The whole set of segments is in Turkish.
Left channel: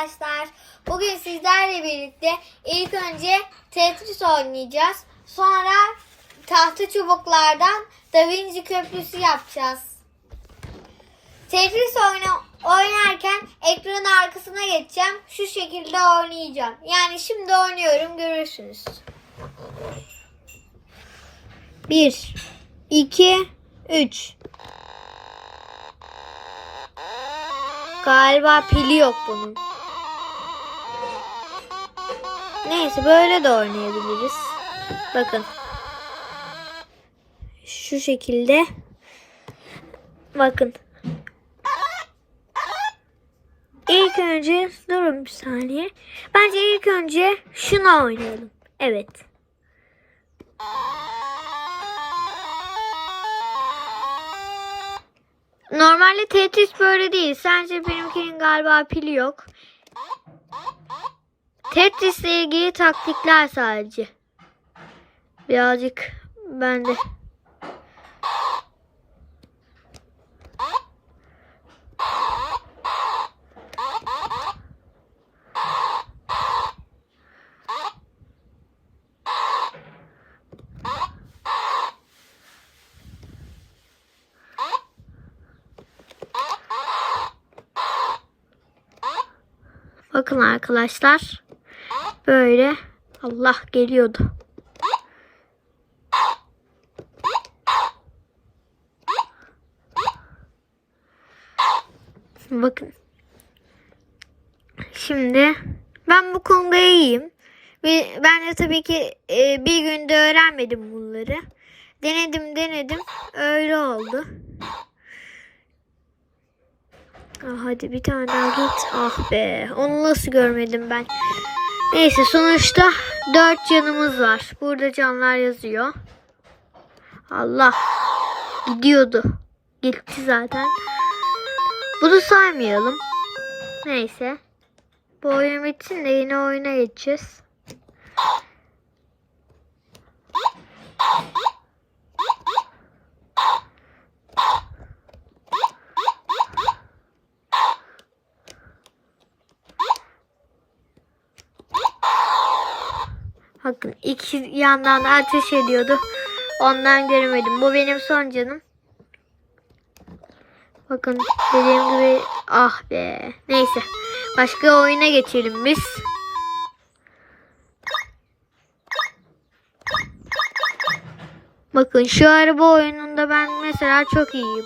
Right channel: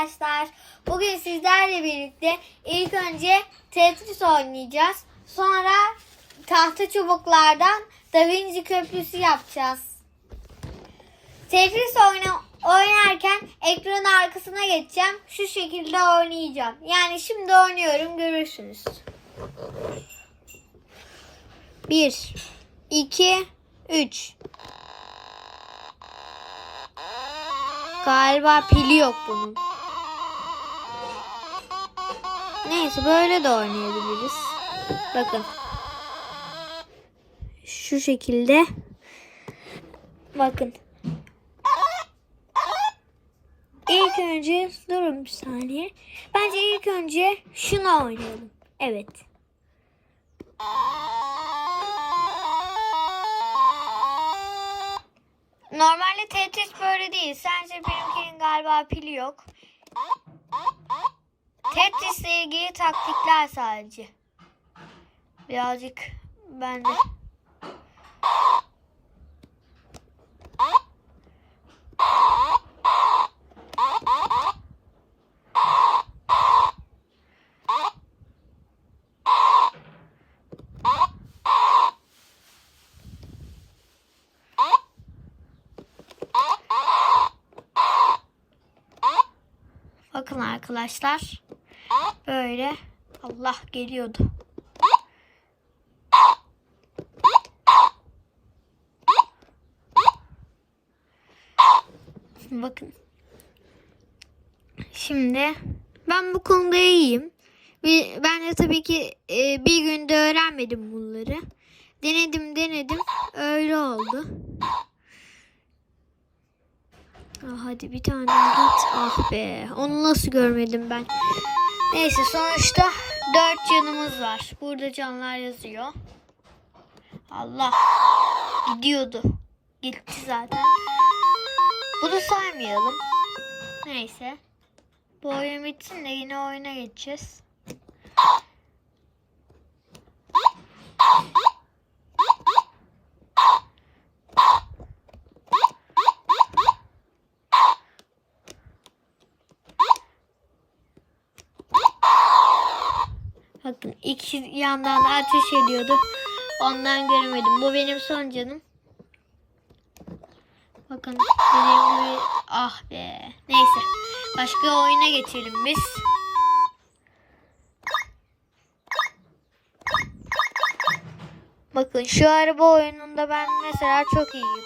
arkadaşlar. Bugün sizlerle birlikte ilk önce Tetris oynayacağız. Sonra tahta çubuklardan Da Vinci Köprüsü yapacağız. Tetris oyna, oynarken ekranın arkasına geçeceğim. Şu şekilde oynayacağım. Yani şimdi oynuyorum görürsünüz. 1 2 3 Galiba pili yok bunun. Neyse böyle de oynayabiliriz. Bakın. Şu şekilde. Bakın. İlk önce durun bir saniye. Bence ilk önce şunu oynayalım. Evet. Normalde Tetris böyle değil. Sence benimkinin galiba pili yok. Tetris ile ilgili taktikler sadece. Birazcık ben de. Bakın arkadaşlar. Böyle Allah geliyordu. Bakın. Şimdi ben bu konuda iyiyim. Ben de tabii ki e, bir günde öğrenmedim bunları. Denedim denedim. Öyle oldu. Ah, hadi bir tane daha git. Ah be. Onu nasıl görmedim ben. Neyse sonuçta dört canımız var. Burada canlar yazıyor. Allah. Gidiyordu. Gitti zaten. Bunu saymayalım. Neyse. Bu oyun bitsin de yine oyuna geçeceğiz. Bakın iki yandan ateş ediyordu. Ondan göremedim. Bu benim son canım. Bakın dediğim gibi ah be. Neyse. Başka oyuna geçelim biz. Bakın şu araba oyununda ben mesela çok iyiyim.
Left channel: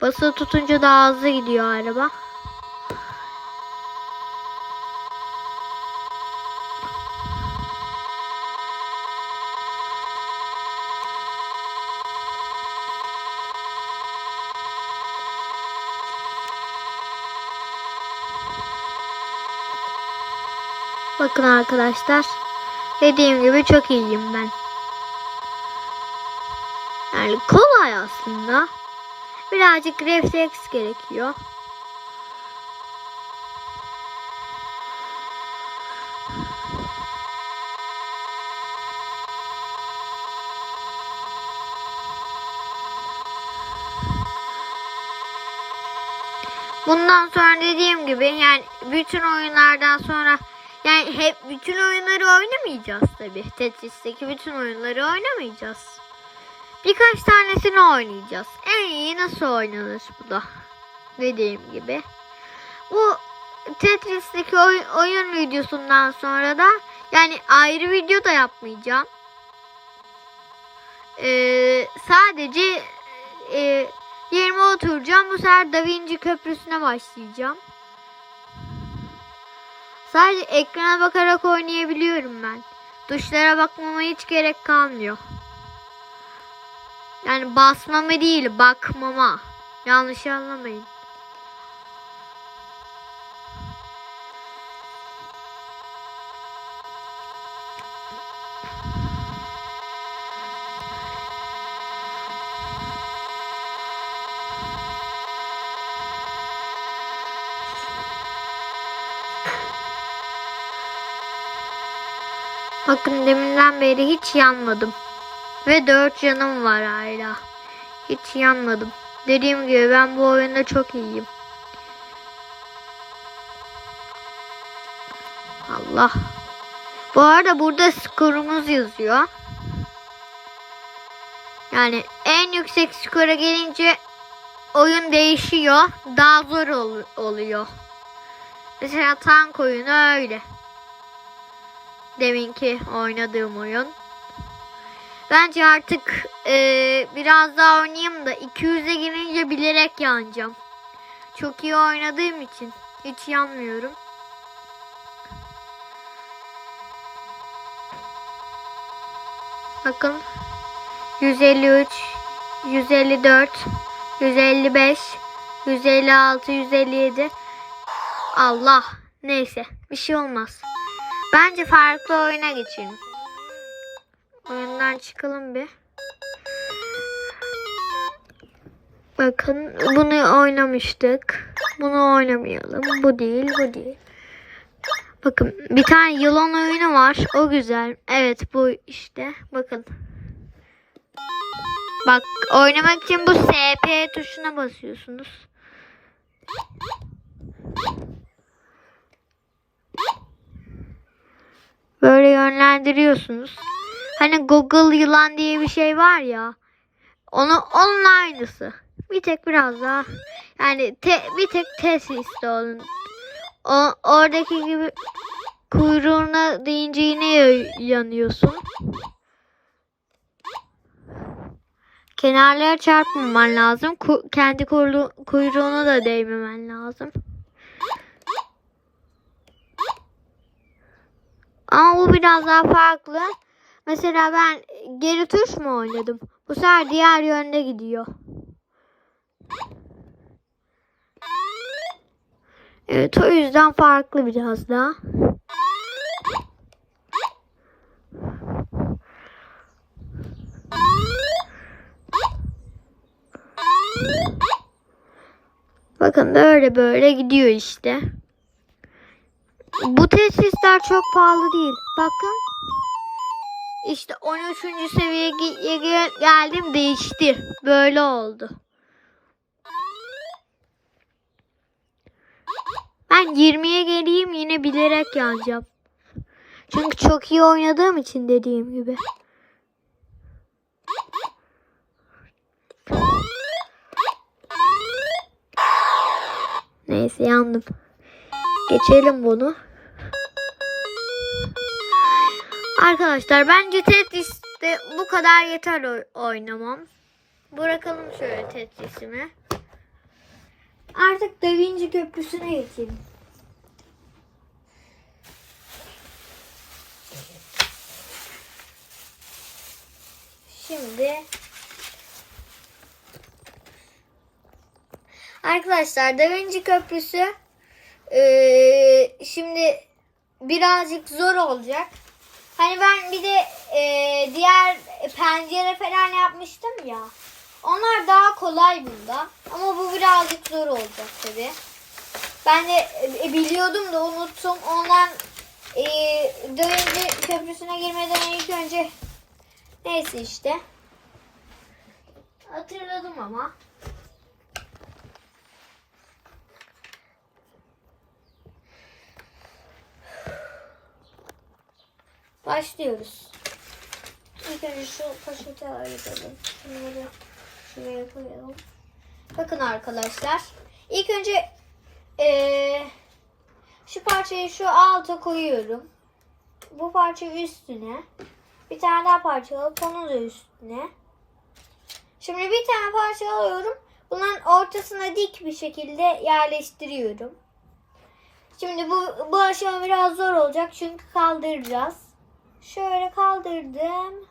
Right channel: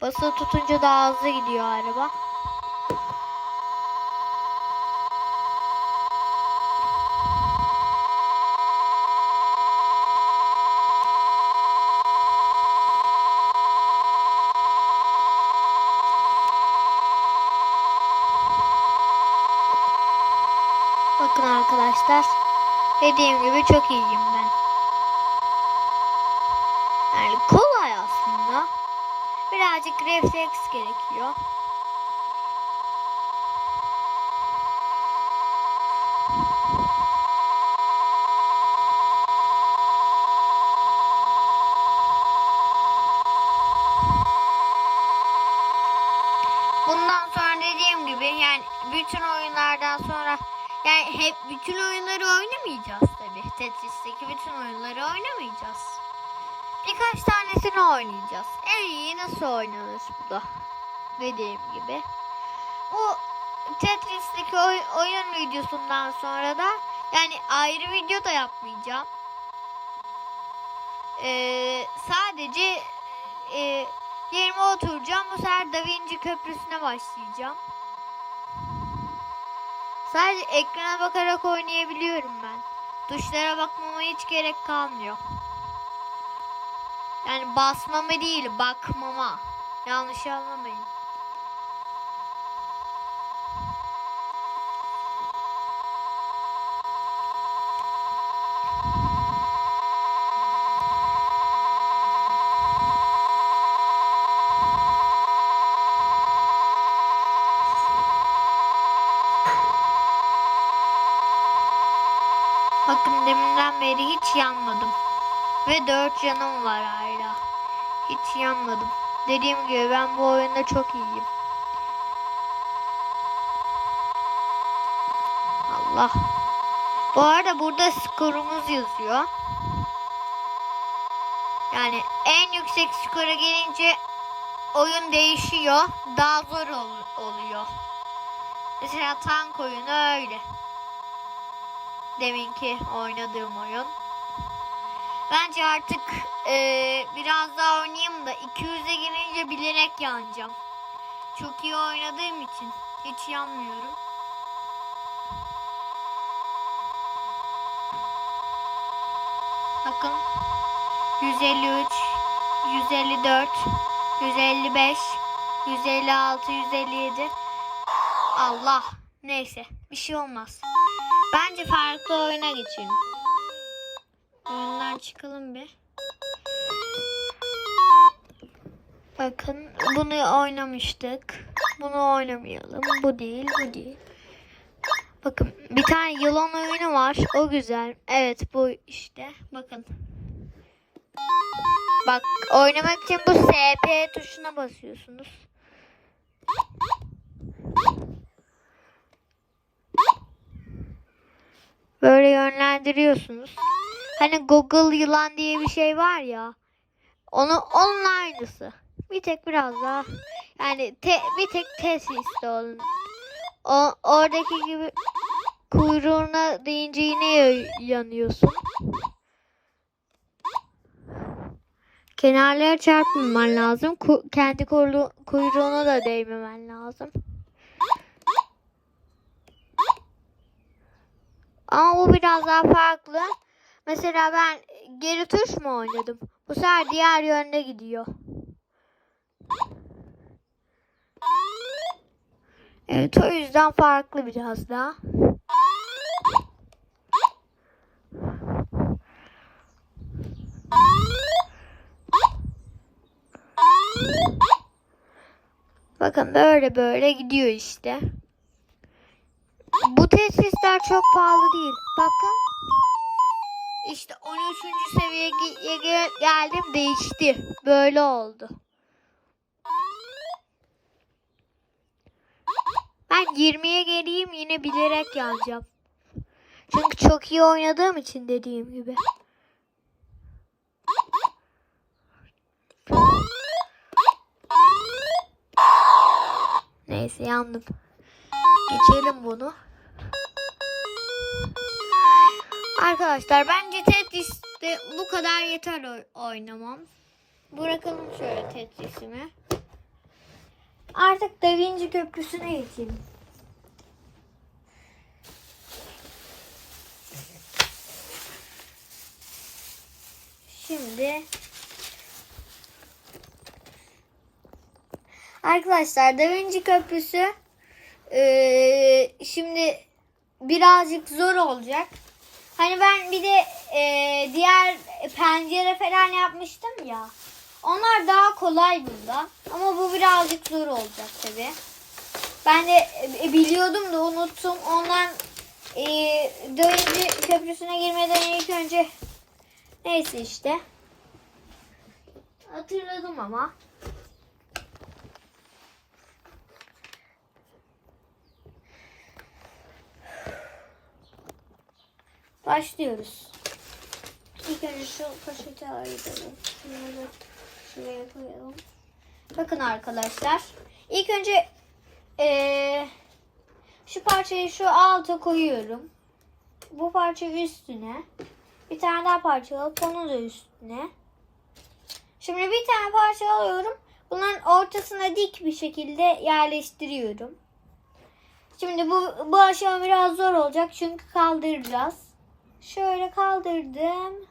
Basılı tutunca daha hızlı gidiyor araba. Arkadaşlar. Dediğim gibi çok iyiyim ben. Yani kolay aslında. Birazcık refleks gerekiyor. Bundan sonra dediğim gibi yani bütün oyunlardan sonra yani hep bütün oyunları oynamayacağız tabii. Tetris'teki bütün oyunları oynamayacağız. Birkaç tanesini oynayacağız. En iyi nasıl oynanır bu da. Dediğim gibi. Bu Tetris'teki oy- oyun videosundan sonra da yani ayrı video da yapmayacağım. Ee, sadece e, yerime oturacağım. Bu sefer Da Vinci Köprüsü'ne başlayacağım. Sadece ekrana bakarak oynayabiliyorum ben. Tuşlara bakmama hiç gerek kalmıyor. Yani basmama değil, bakmama. Yanlış anlamayın. günden beri hiç yanmadım. Ve dört canım var hala. Hiç yanmadım. Dediğim gibi ben bu oyunda çok iyiyim. Allah. Bu arada burada skorumuz yazıyor. Yani en yüksek skora gelince oyun değişiyor. Daha zor ol oluyor. Mesela tank oyunu öyle. Deminki oynadığım oyun. Bence artık eee, biraz daha oynayayım da 200'e girince bilerek yanacağım. Çok iyi oynadığım için hiç yanmıyorum. Bakın 153, 154, 155, 156, 157. Allah. Neyse. Bir şey olmaz. Bence farklı oyuna geçelim. Oyundan çıkalım bir. Bakın bunu oynamıştık. Bunu oynamayalım. Bu değil, bu değil. Bakın bir tane yılan oyunu var. O güzel. Evet bu işte. Bakın. Bak oynamak için bu SP tuşuna basıyorsunuz. Böyle yönlendiriyorsunuz. Hani Google yılan diye bir şey var ya. Onu onun aynısı. Bir tek biraz daha yani te, bir tek Tetris'te onun. O, oradaki gibi kuyruğuna deyince yine ya- yanıyorsun. Kenarlara çarpmaman lazım. Ku- kendi kuyru- kuyruğuna da değmemen lazım. Ama bu biraz daha farklı. Mesela ben geri tuş mu oynadım? Bu sefer diğer yönde gidiyor. Evet o yüzden farklı biraz daha. Bakın böyle böyle gidiyor işte. Bu tesisler çok pahalı değil. Bakın. İşte 13. seviyeye ge- ge- geldim değişti. Böyle oldu. Ben 20'ye geleyim yine bilerek yanacağım. Çünkü çok iyi oynadığım için dediğim gibi. Neyse yandım. Geçelim bunu. Arkadaşlar bence Tetris'te bu kadar yeter oy- oynamam. Bırakalım şöyle Tetris'imi. Artık Da Vinci Köprüsü'ne geçelim. Şimdi Arkadaşlar Da Vinci Köprüsü eee, şimdi birazcık zor olacak. Hani ben bir de eee, diğer pencere falan yapmıştım ya. Onlar daha kolay bunda. Ama bu birazcık zor olacak tabi. Ben de e, biliyordum da unuttum. Ondan e, Vinci Köprüsü'ne girmeden ilk önce neyse işte. Hatırladım ama. Başlıyoruz. İlk önce şu poşeti ayıralım. Şunları şuraya koyalım. Bakın arkadaşlar. İlk önce eee, şu parçayı şu alta koyuyorum. Bu parça üstüne. Bir tane daha parça alıp onu da üstüne. Şimdi bir tane parça alıyorum. Bunların ortasına dik bir şekilde yerleştiriyorum. Şimdi bu, bu aşama biraz zor olacak çünkü kaldıracağız. Şöyle kaldırdım.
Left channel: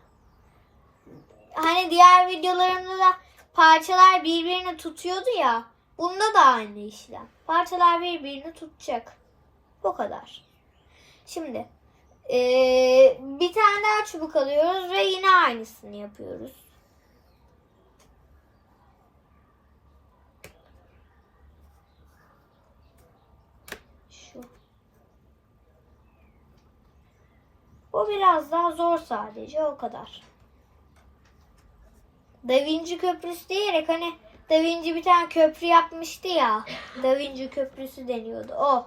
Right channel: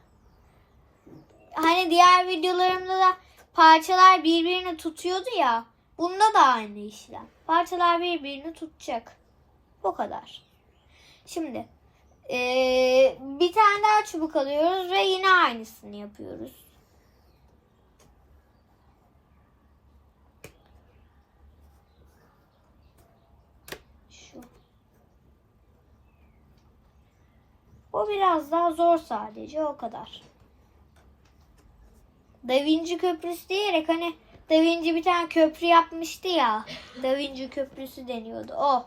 Hani diğer videolarımda da parçalar birbirini tutuyordu ya. Bunda da aynı işlem. Parçalar birbirini tutacak. Bu kadar. Şimdi eee, bir tane daha çubuk alıyoruz ve yine aynısını yapıyoruz. Şu. Bu biraz daha zor sadece o kadar. Da Vinci Köprüsü diyerek hani Da Vinci bir tane köprü yapmıştı ya. Da Vinci Köprüsü deniyordu o.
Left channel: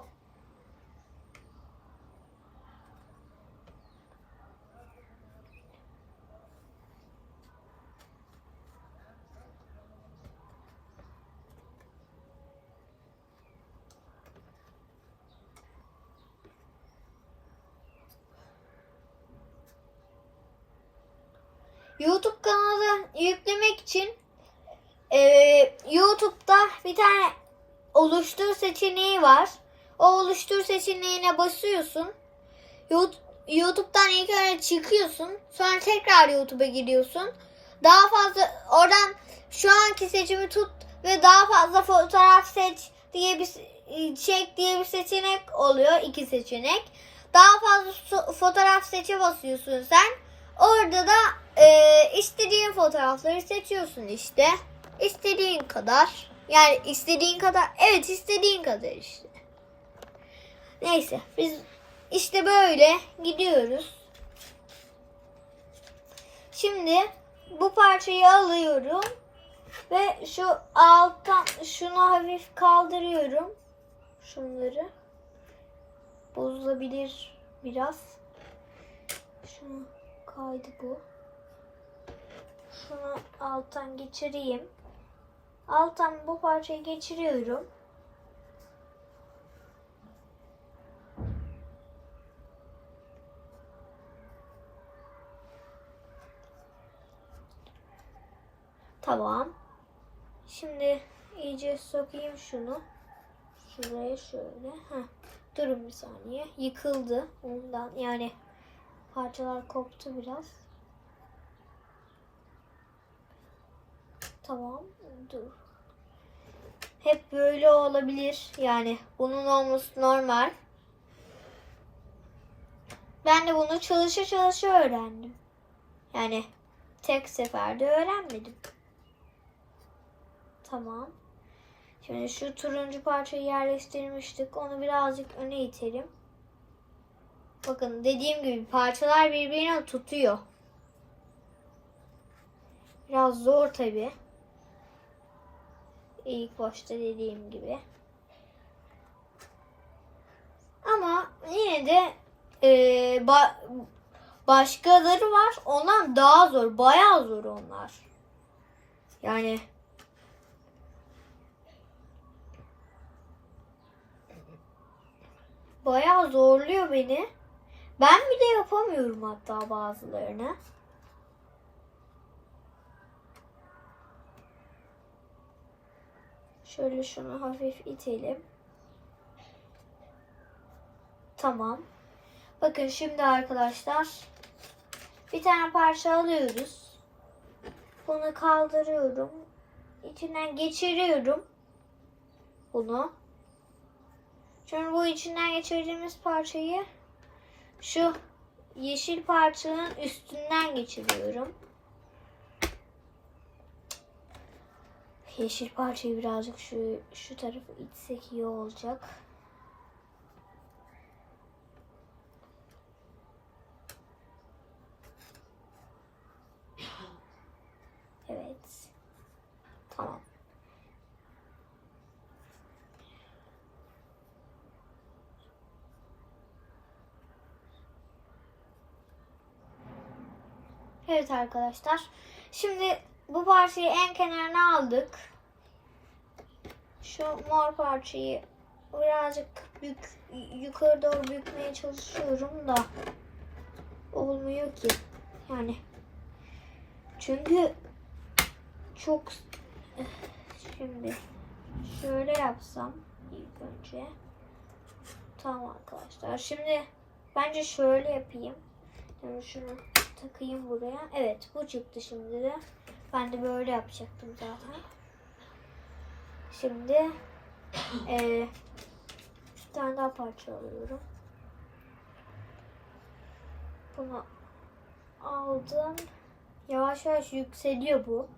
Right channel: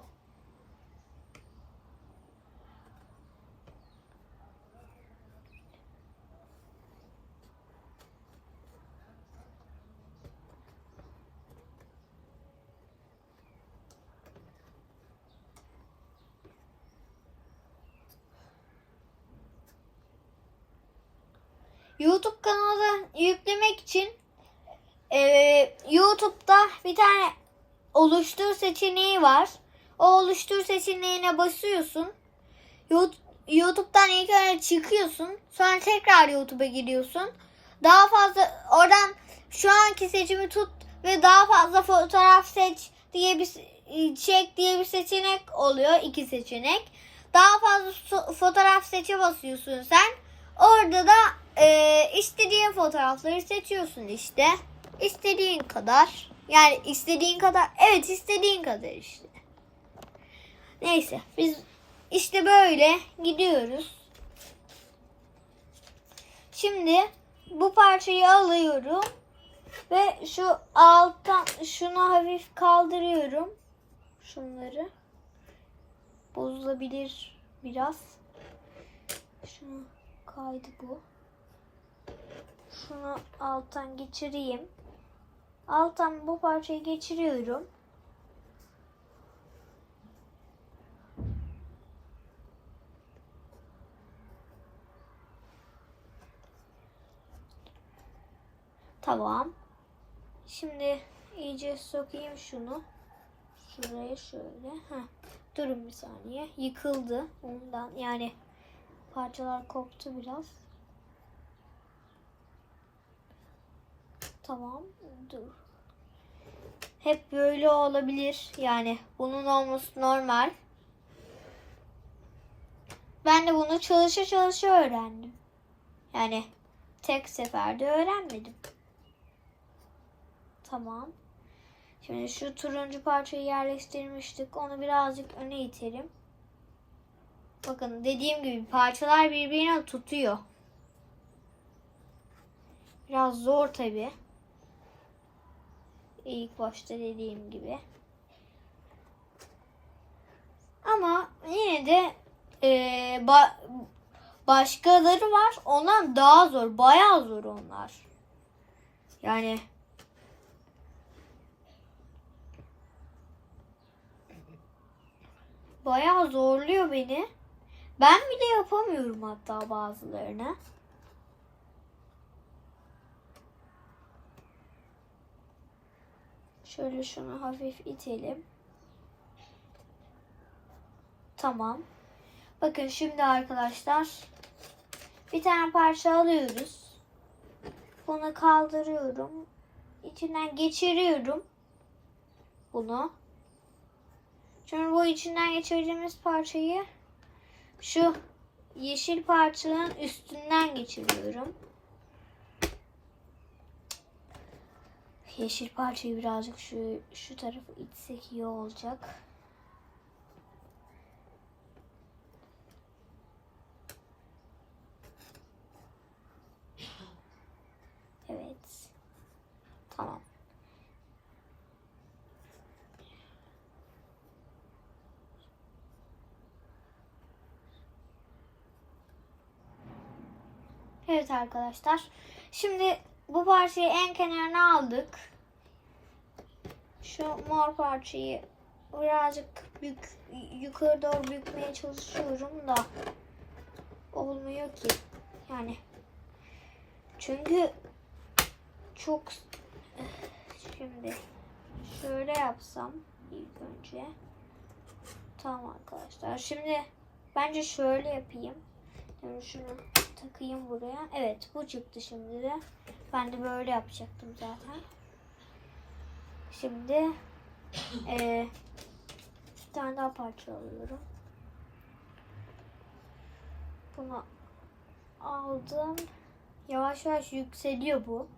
YouTube kanalı yüklemek için e, YouTube'da bir tane oluştur seçeneği var. O oluştur seçeneğine basıyorsun. Yout- YouTube'dan ilk önce çıkıyorsun. Sonra tekrar YouTube'a giriyorsun. Daha fazla oradan şu anki seçimi tut ve daha fazla fotoğraf seç diye bir çek diye bir seçenek oluyor. iki seçenek. Daha fazla fotoğraf seçe basıyorsun sen. Orada da e, istediğin fotoğrafları seçiyorsun işte. İstediğin kadar. Yani istediğin kadar. Evet istediğin kadar işte. Neyse biz işte böyle gidiyoruz. Şimdi bu parçayı alıyorum ve şu alttan şunu hafif kaldırıyorum. Şunları bozulabilir biraz. Şunu kaydı bu. Şunu alttan geçireyim. Alttan bu parçayı geçiriyorum. Tamam. Şimdi iyice sokayım şunu. Şuraya şöyle. Heh. Durun bir saniye. Yıkıldı. Ondan yani parçalar koptu biraz. Tamam. Dur. Hep böyle olabilir. Yani bunun olması normal. Ben de bunu çalışa çalışa öğrendim. Yani tek seferde öğrenmedim. Tamam. Şimdi şu turuncu parçayı yerleştirmiştik. Onu birazcık öne itelim. Bakın dediğim gibi parçalar birbirine tutuyor. Biraz zor tabi. İlk başta dediğim gibi. Ama yine de eee, ba- başkaları var. Ondan daha zor. Bayağı zor onlar. Yani bayağı zorluyor beni. Ben bile yapamıyorum hatta bazılarını. Şöyle şunu hafif itelim. Tamam. Bakın şimdi arkadaşlar bir tane parça alıyoruz. Bunu kaldırıyorum. İçinden geçiriyorum. Bunu. Sonra bu içinden geçirdiğimiz parçayı şu yeşil parçanın üstünden geçiriyorum. Yeşil parçayı birazcık şu şu tarafı itsek iyi olacak. Evet. Tamam. Evet arkadaşlar. Şimdi bu parçayı en kenarına aldık. Şu mor parçayı birazcık bük, yukarı doğru bükmeye çalışıyorum da olmuyor ki. Yani çünkü çok şimdi şöyle yapsam ilk önce tamam arkadaşlar şimdi bence şöyle yapayım yani şunu takayım buraya. Evet bu çıktı şimdi de. Ben de böyle yapacaktım zaten. Şimdi eee bir tane daha parça alıyorum. Bunu aldım. Yavaş yavaş yükseliyor bu.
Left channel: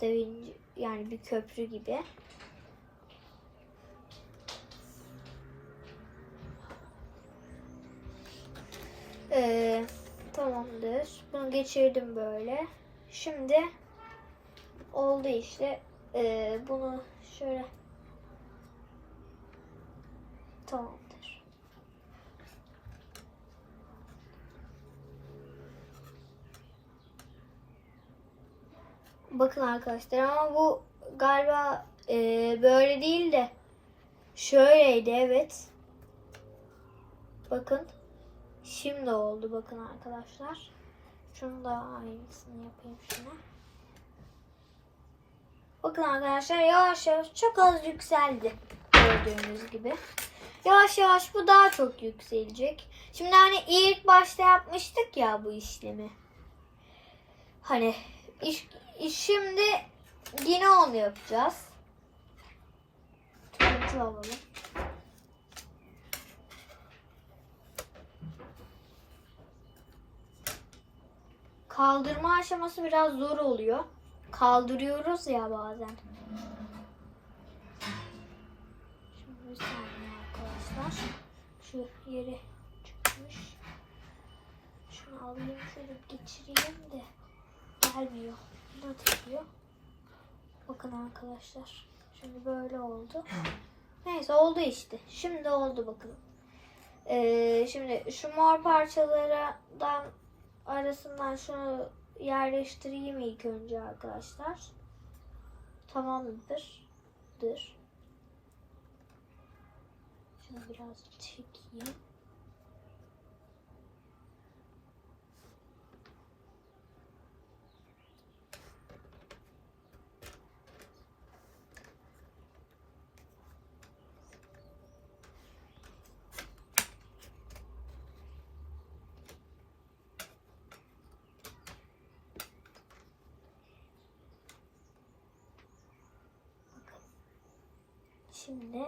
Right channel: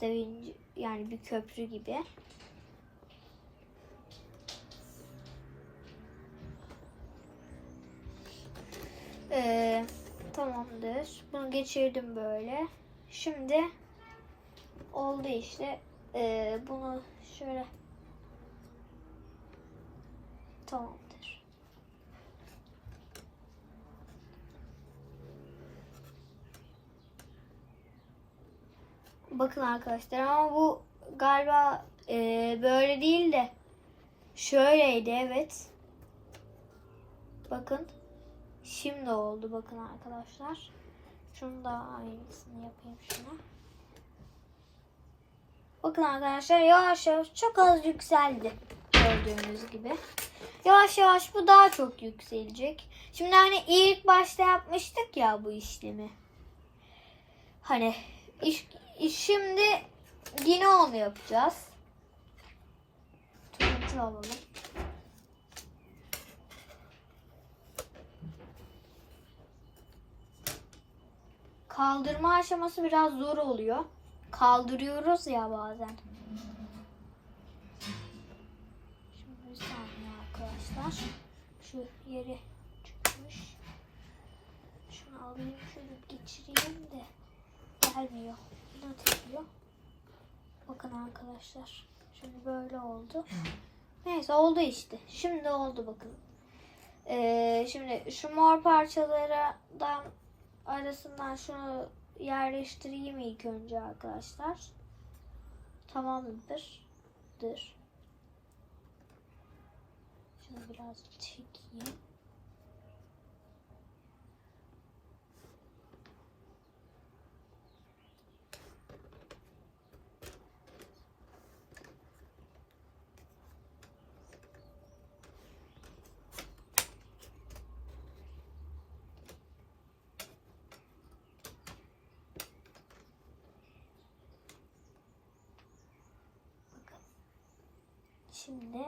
Da Vinci yani bir köprü gibi. Ee, tamamdır. Bunu geçirdim böyle. Şimdi oldu işte. Ee, bunu şöyle tamamdır. Bakın arkadaşlar ama bu galiba e, böyle değil de şöyleydi evet. Bakın. Şimdi oldu bakın arkadaşlar. Şunu da aynısını yapayım şuna. Bakın arkadaşlar yavaş yavaş çok az yükseldi. Gördüğünüz gibi. Yavaş yavaş bu daha çok yükselecek. Şimdi hani ilk başta yapmıştık ya bu işlemi. Hani iş, şimdi yine onu yapacağız. Turuncu alalım. Kaldırma aşaması biraz zor oluyor. Kaldırıyoruz ya bazen. Şimdi bir saniye arkadaşlar. Şu yeri çıkmış. Şunu alayım şöyle geçireyim de gelmiyor. Ne atıyor? Bakın arkadaşlar. Şimdi böyle oldu. Neyse oldu işte. Şimdi oldu bakın. Ee, şimdi şu mor parçalardan arasından şunu yerleştireyim ilk önce arkadaşlar. Tamamdır. Dır. Şunu biraz çekeyim. Şimdi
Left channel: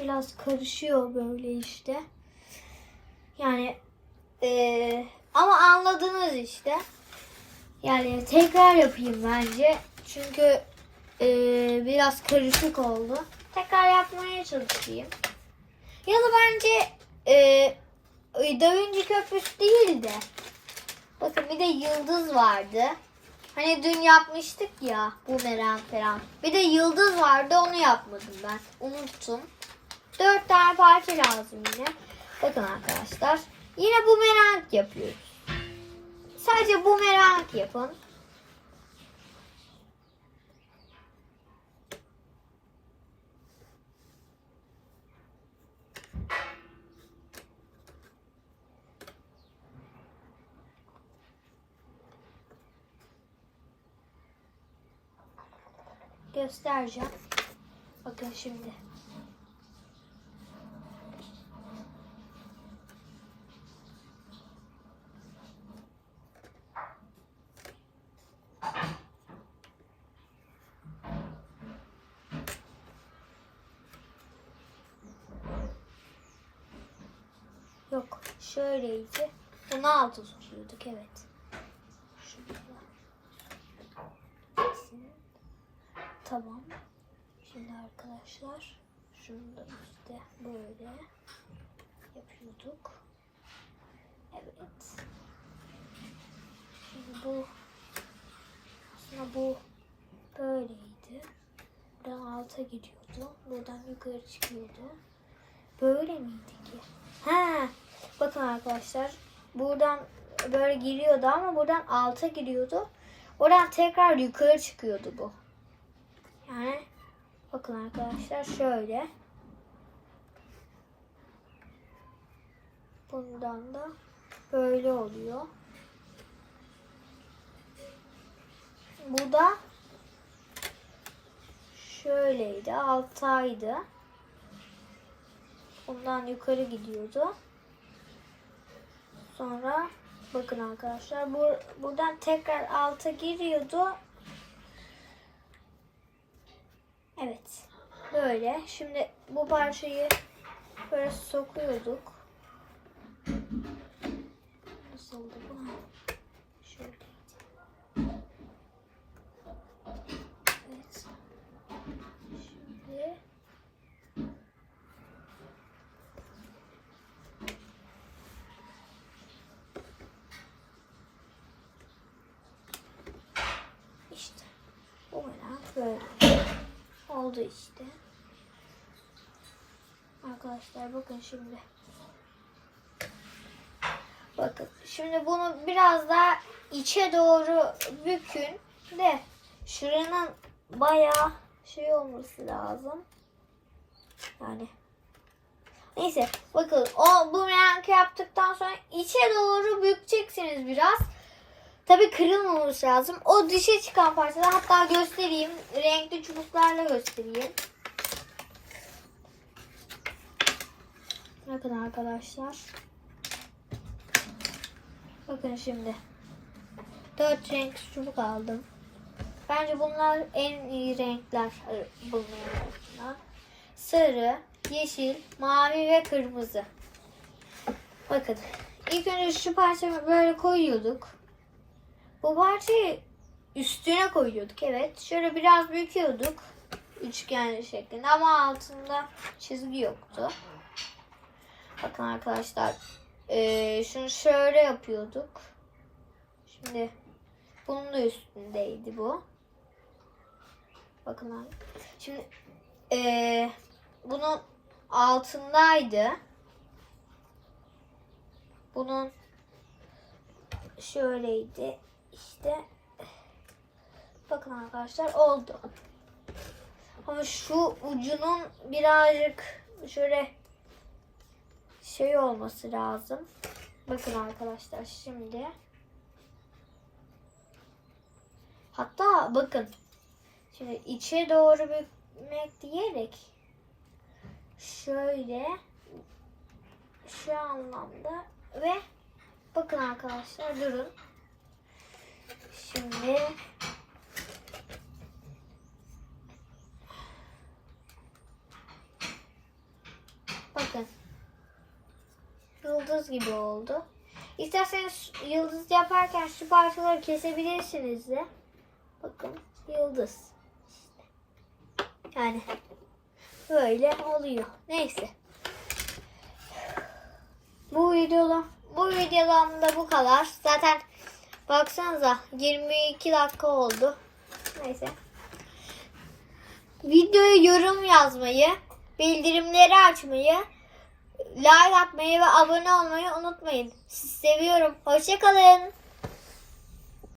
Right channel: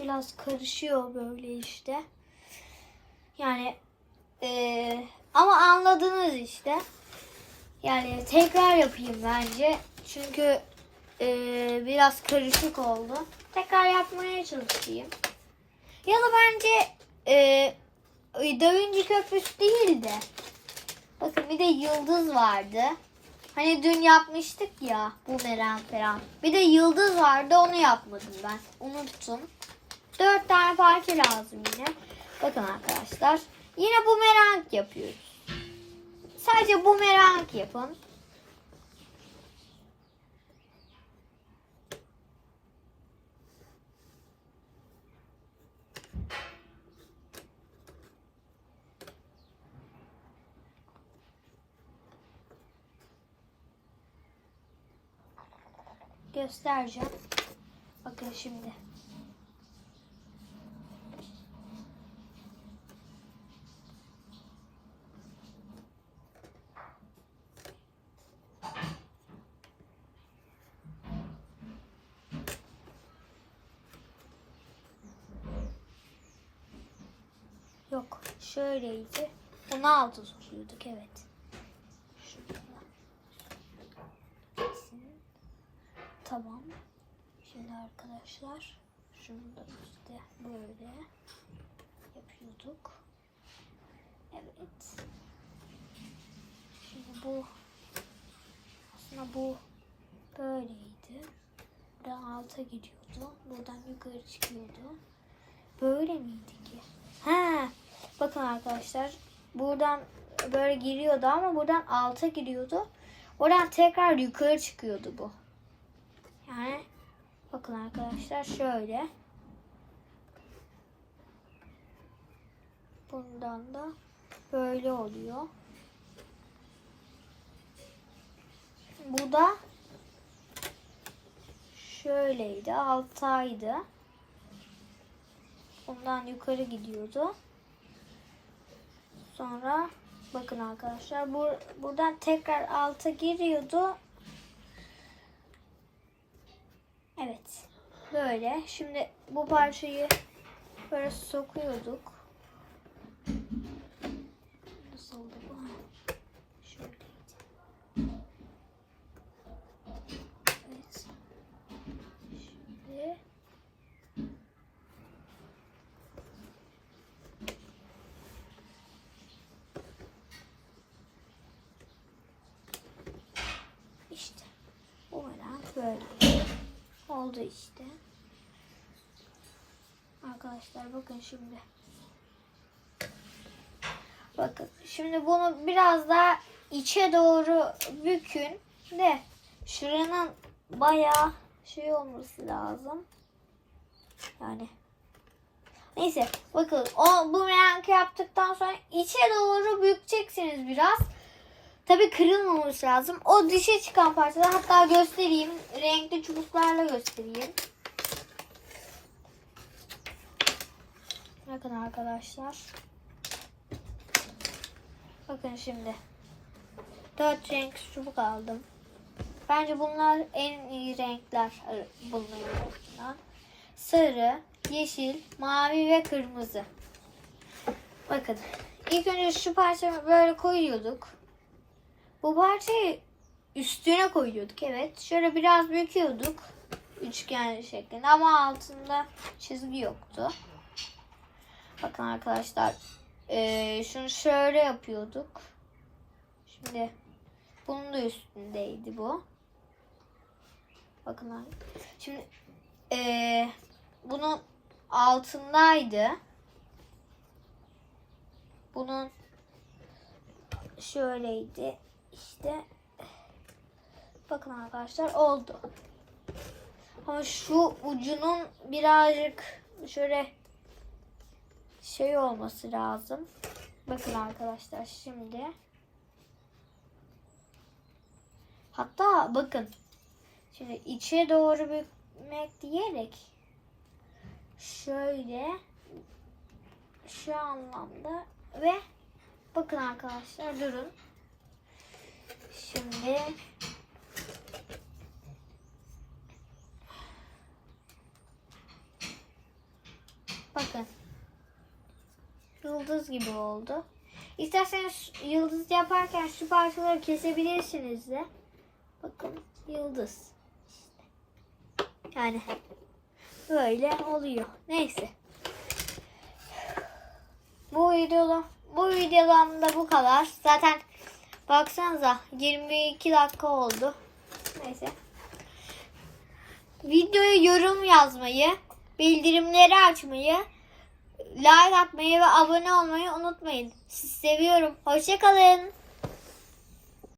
biraz karışıyor böyle işte. Yani eee, ama anladınız işte. Yani tekrar yapayım bence. Çünkü eee, biraz karışık oldu. Tekrar yapmaya çalışayım. Ya da bence eee Da Vinci Köprüsü değil de bakın bir de yıldız vardı. Hani dün yapmıştık ya bumerang falan. Bir de yıldız vardı onu yapmadım ben. Unuttum. Dört tane parça lazım yine. Bakın arkadaşlar. Yine bumerang yapıyoruz. Sadece bumerang yapın. Göstereceğim. Bakın şimdi. Yok, şöyleydi. Bunu altı tutuyorduk, evet. Tamam. Şimdi arkadaşlar şunu da işte böyle yapıyorduk. Evet. Şimdi bu aslında bu böyleydi. Buradan alta gidiyordu. Buradan yukarı çıkıyordu. Böyle miydi ki? Ha, bakın arkadaşlar. Buradan böyle giriyordu ama buradan alta giriyordu. Oradan tekrar yukarı çıkıyordu bu. Yani bakın arkadaşlar şöyle. Bundan da böyle oluyor. Bu da şöyleydi. Altaydı. Bundan yukarı gidiyordu. Sonra bakın arkadaşlar bu buradan tekrar alta giriyordu. Evet. Böyle. Şimdi bu parçayı böyle sokuyorduk. Nasıldı bu? Şöyleydi. Evet. Şimdi işte bu merak böyle oldu işte. Arkadaşlar bakın şimdi. Bakın şimdi bunu biraz daha içe doğru bükün de şuranın bayağı şey olması lazım. Yani Neyse bakın o bu renk yaptıktan sonra içe doğru bükeceksiniz biraz. Tabi kırılmaması lazım. O dışa çıkan parçalar hatta göstereyim. Renkli çubuklarla göstereyim. Bakın arkadaşlar. Bakın şimdi. Dört renk çubuk aldım. Bence bunlar en iyi renkler arasından. Sarı, yeşil, mavi ve kırmızı. Bakın. ilk önce şu parçayı böyle koyuyorduk. Bu parçayı üstüne koyuyorduk. Evet. Şöyle biraz büküyorduk. Üçgen şeklinde ama altında çizgi yoktu. Bakın arkadaşlar. eee, şunu şöyle yapıyorduk. Şimdi bunun da üstündeydi bu. Bakın abi. Şimdi eee, bunun altındaydı. Bunun şöyleydi. İşte bakın arkadaşlar oldu. Ama şu ucunun birazcık şöyle şey olması lazım. Bakın arkadaşlar şimdi. Hatta bakın. Şimdi içe doğru bükmek diyerek şöyle şu anlamda ve bakın arkadaşlar durun. Şimdi bakın yıldız gibi oldu. İsterseniz yıldız yaparken şu parçaları kesebilirsiniz de. Bakın yıldız. Yani böyle oluyor. Neyse. Bu videoda bu videodan da bu kadar. Zaten baksanıza 22 dakika oldu. Neyse. Videoya yorum yazmayı, bildirimleri açmayı, like atmayı ve abone olmayı unutmayın. Sizi seviyorum. Hoşçakalın.